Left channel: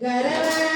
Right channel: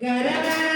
Gara-gara.